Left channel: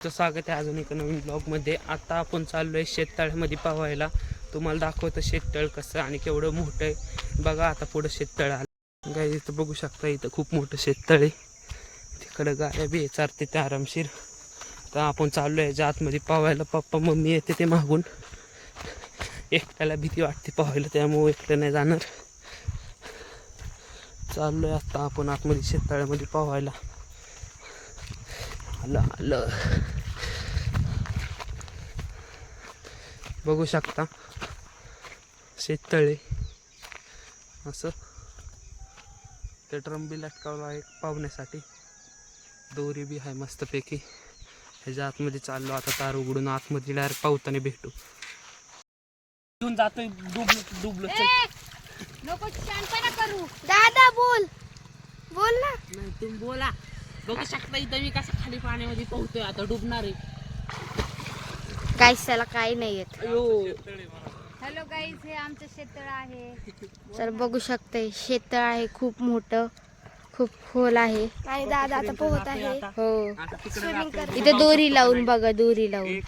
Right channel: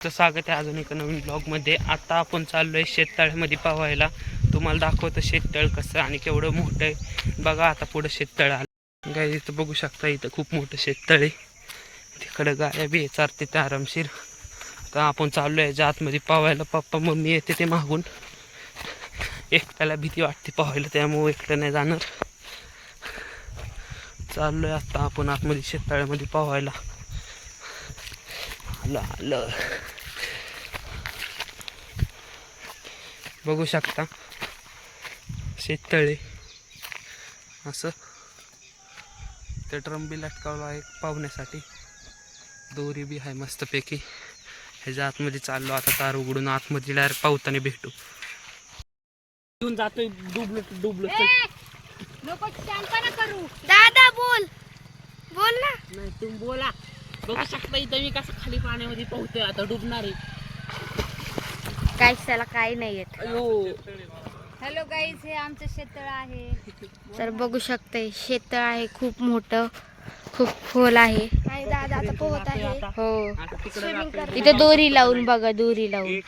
स्वागत आहे अजून एका नवीन ब्लॉगमध्ये. आता आपण चाललो आहे शेततळ्यामध्ये पाहायला. तुम्हाला दाखवतो शेततळ कसं आणि केवढं मोठं आहे. बघा आता पुढं शेततळ आलं गाय. इथं बघू शकता, इथं खूप मोठं शेततळ आहे. तिकडं गाया बी चारते ते आरामशीर. तर आपण चाललो आहे आतमध्ये पाहायला. पप्पा मम्मी येते ते मागून. एकट्याला भीती वाटते पाहायला, त्यामुळे एकटं नाही जाणार. चाललोय आता आपण आतमध्ये शेततळ्यामध्ये पाहायला. आलं आलं बघू शकता शेततळे असं. ते ड्रम बी लटकावला आहे पाहुण्यासाठी. दोरी बी आहे मस्तपैकी. ह्याच्या आतमध्ये चाललो आता. तार उघडून आतमध्ये डायरेक्ट पावताने भेटू. घेऊन जातोय. डुबलो करू. दादा बोल बोल ना. नाही तुम्ही बोला. बघू शकता इथं मी कसं खाली पाण्यामध्ये पोहतोय. आता डुबणार आहे. गाईस त्याला काही नाही येत. हॅलो गाईज, हे आमचं शेततळ आहे. तर बघू शकते शेततळ आहे, खूप मोठं, खूप खोल आहे. दादा आता पोहत आहे. हो, इथे दोरी लावून बघा, दोरी लावून.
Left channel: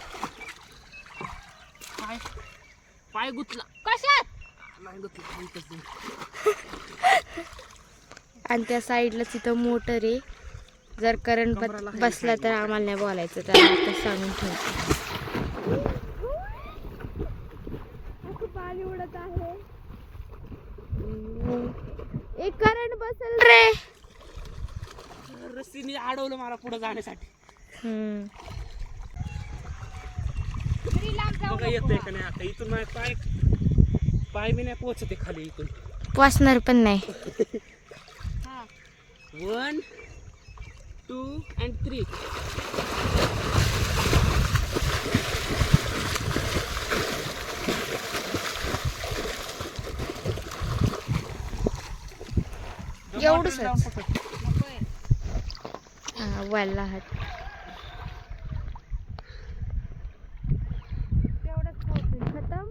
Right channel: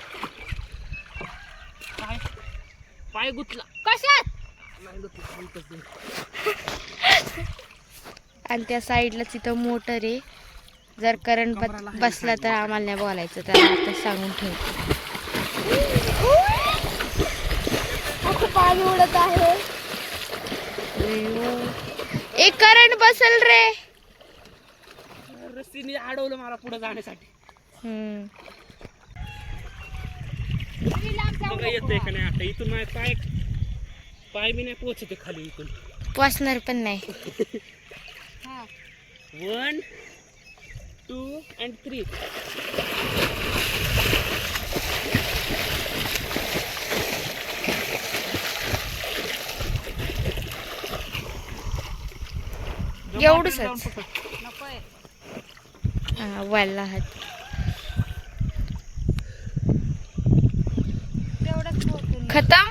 पाय गुतला कशात? नाही गुतला. आणि त्या साईडला तिथं मोटर आहे. जर करंट बसला तर आम्हाला नाही बोलायचं, तर आता सांगून ठेवतो. पाणी उडत आहे. एक करंट बसल रे. रस्सीने अडवलं मला पुढे जाण्यासाठी. बघा येतंय का नाही आता. इथून माझे पाय बी नाही पोहोचते खाली. इथून पोचणार पण नाही. 1 2 and 3. एवढंच. हा वाला हात. खतम.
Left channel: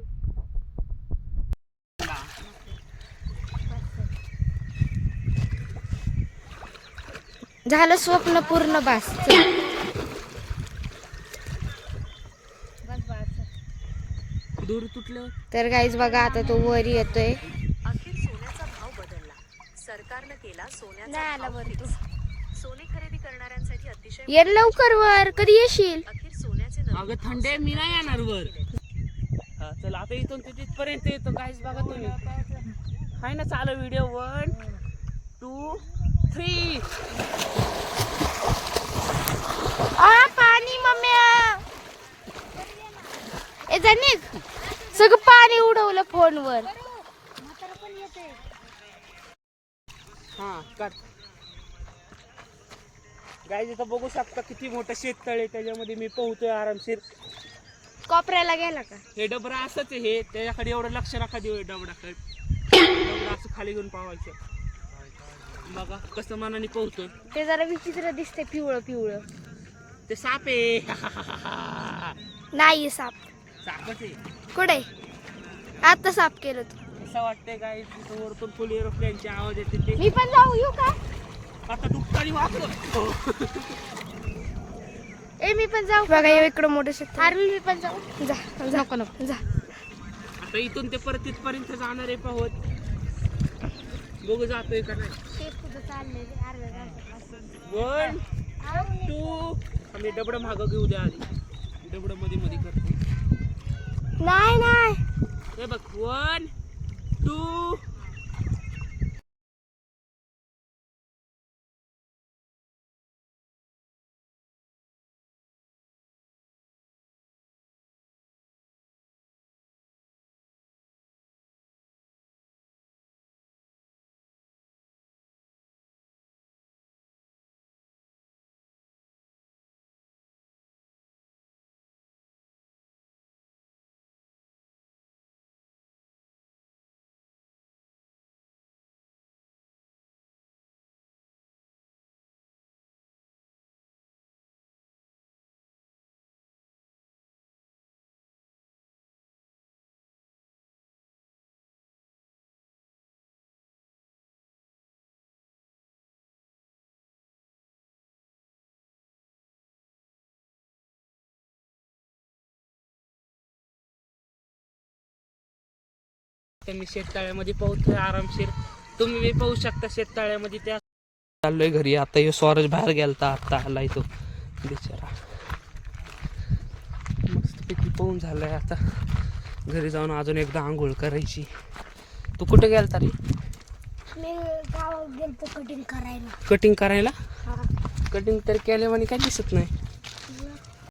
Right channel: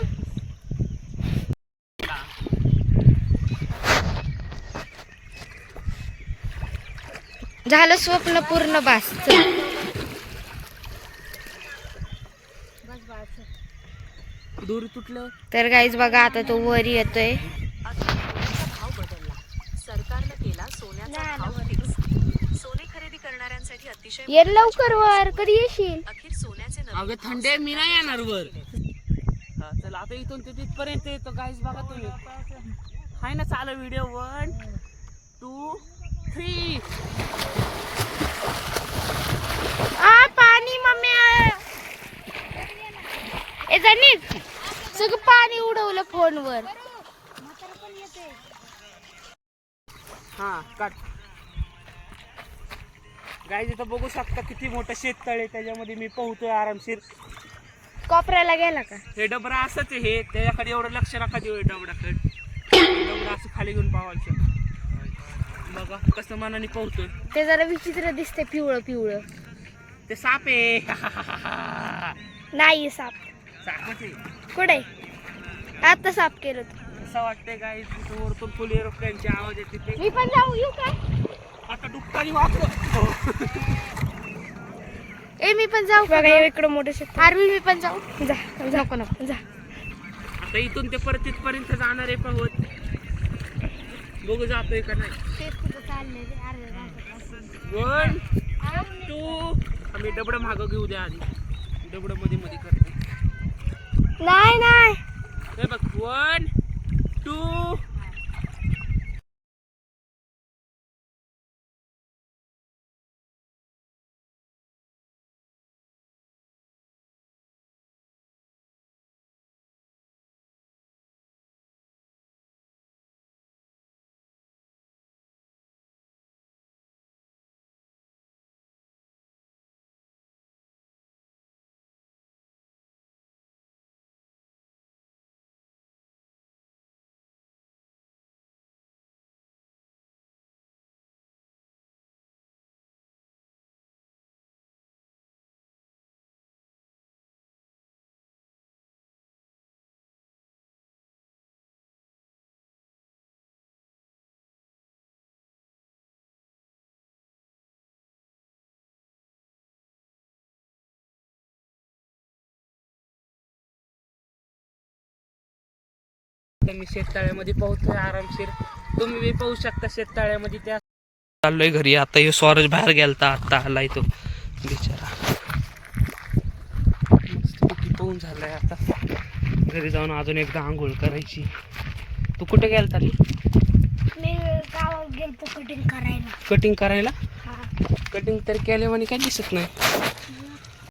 झालं स्वप्न पूर्ण. बस दोरी तुटलं. तर गाईज बघा आता तो वर येतोय. ये लवकर वर. कधी येशील? अगं थंडे मी नाही येणार वर. हा चला आता इथून ते तिथपर्यंत येतो. गाईज बघा तुम्ही. हाय ना चालू व्हिडिओ. 1 2 3. पाणी मम्मी. ए जाणीत सगळं पाणी उडवलं फोनवर. हा काट. गाईज इथं बघू शकता किती मोठं शेततळ आहे. त्याच्यामध्ये मी पोहतोय आरामशीर. कोपऱ्याला गेला का? हे डबरा असंच आहे. हे त्याच्याकडे एवढं लक्ष नका देऊ. डबराकडे डबरा असं खाली घेऊन पावायचं. बघा कसं मनाने पोहतोय. ते जरा विचित्र दिसते, पिवळं पिवळं. ते साप आहे. नाही साप. सापच आहे. कुठे? आता साफ केलं तू. असं वाटतंय गाईज तिथं वरतून फुल एरोप्लेनचे आवाज येते. ते मी पण जाऊ येऊ का? आता डुबतानी वाचलो. ए मी पण जाऊ. बघा इकडं मोठं शेत. मी पण जाऊ. जा जाऊ का नको जा. आता इथून ते परत तिथपर्यंत जाणार आहे पाहत. बघू जातोय का नाही. 1 2. आम्ही डबडं मागं घेऊ द्या आधी. डबडं मध्ये मध्ये करते. नाही हे बघ 1 2. शकता मी शेततळ्यामध्ये पोहतोय आरामशीर. तुम्ही बी पाहू शकता शेततळ्यामध्ये. त्या चाललोय घरी आता. हे स्वराज बाहेर गेलता, आता आलाय तो बिचारा. मस्तपैकी पाहून झालाय. आता घरी जाऊन अजून एकदा आंघोळ करायची. तू कुठे गेलता रे? मी गावात गेलतो कटिंग करायला. कटिंग करायला? कटिंग तर केल्यावानी काय दिसत नाही.